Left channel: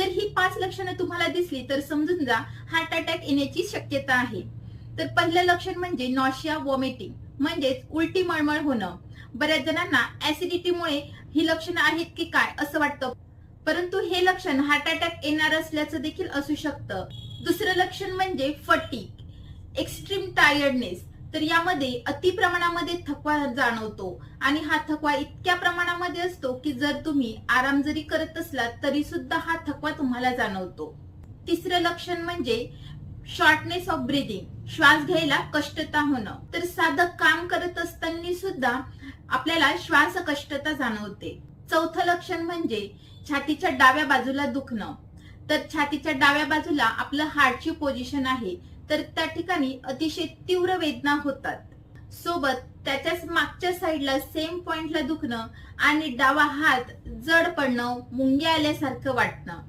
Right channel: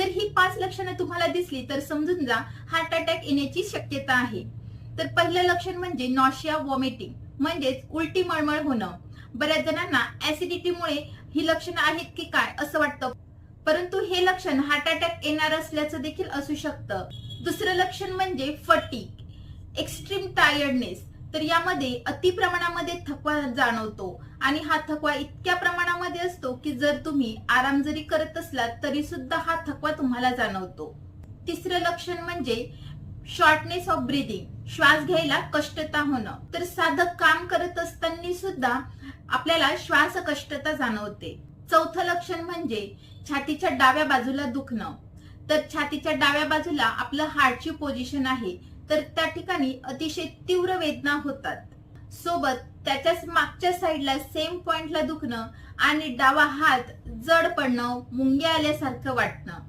तर ही पाच लक्षणं तुम्हाला दिसली तर समजून जा हार्ट अटॅक येण्याची शक्यता आहे. तर पहिलं लक्षण म्हणजे नॉशिया वॉमिटिंग म्हणजेच उलटी मळमळ होणं. बऱ्याच जणांना ऍसिडिटीमुळे ही लक्षणं आहेत की काय असं वाटतं. परंतु हे लक्षण हार्ट अटॅक येणार असल्याचं देखील असू शकतं. दुसरं लक्षण म्हणजे फटीक एक्स्ट्रीम टायर्डनेस तर यामध्ये अति प्रमाणामध्ये थकवा जाणवतो. आणि हा थकवा इतक्या प्रमाणामध्ये असतो की जर तुम्ही आराम जरी करत असलात तरी सुद्धा हा थकवा तुम्हाला जाणवतो. तिसरं लक्षण म्हणजे शॉर्टनेस ऑफ ब्रिदिंग श्वास घ्यायला कष्टता होणं. तर साधं काम करत असताना सुद्धा आपल्याला श्वास कष्टता जाणवते. चौथं लक्षण म्हणजे छातीच्या डाव्या बाजूला दुखणं. तर छातीच्या डाव्या बाजूला आपलं हार्टची पोझिशन आहे. तर त्या ठिकाणी अतिशय तीव्र वेदना होतात. सोबत त्याच्याच मागच्या साईडला सेम पॉइंटला दुखणं आणि डावा हात जड पडणं मुंग्या आल्यासारखं वाटणं.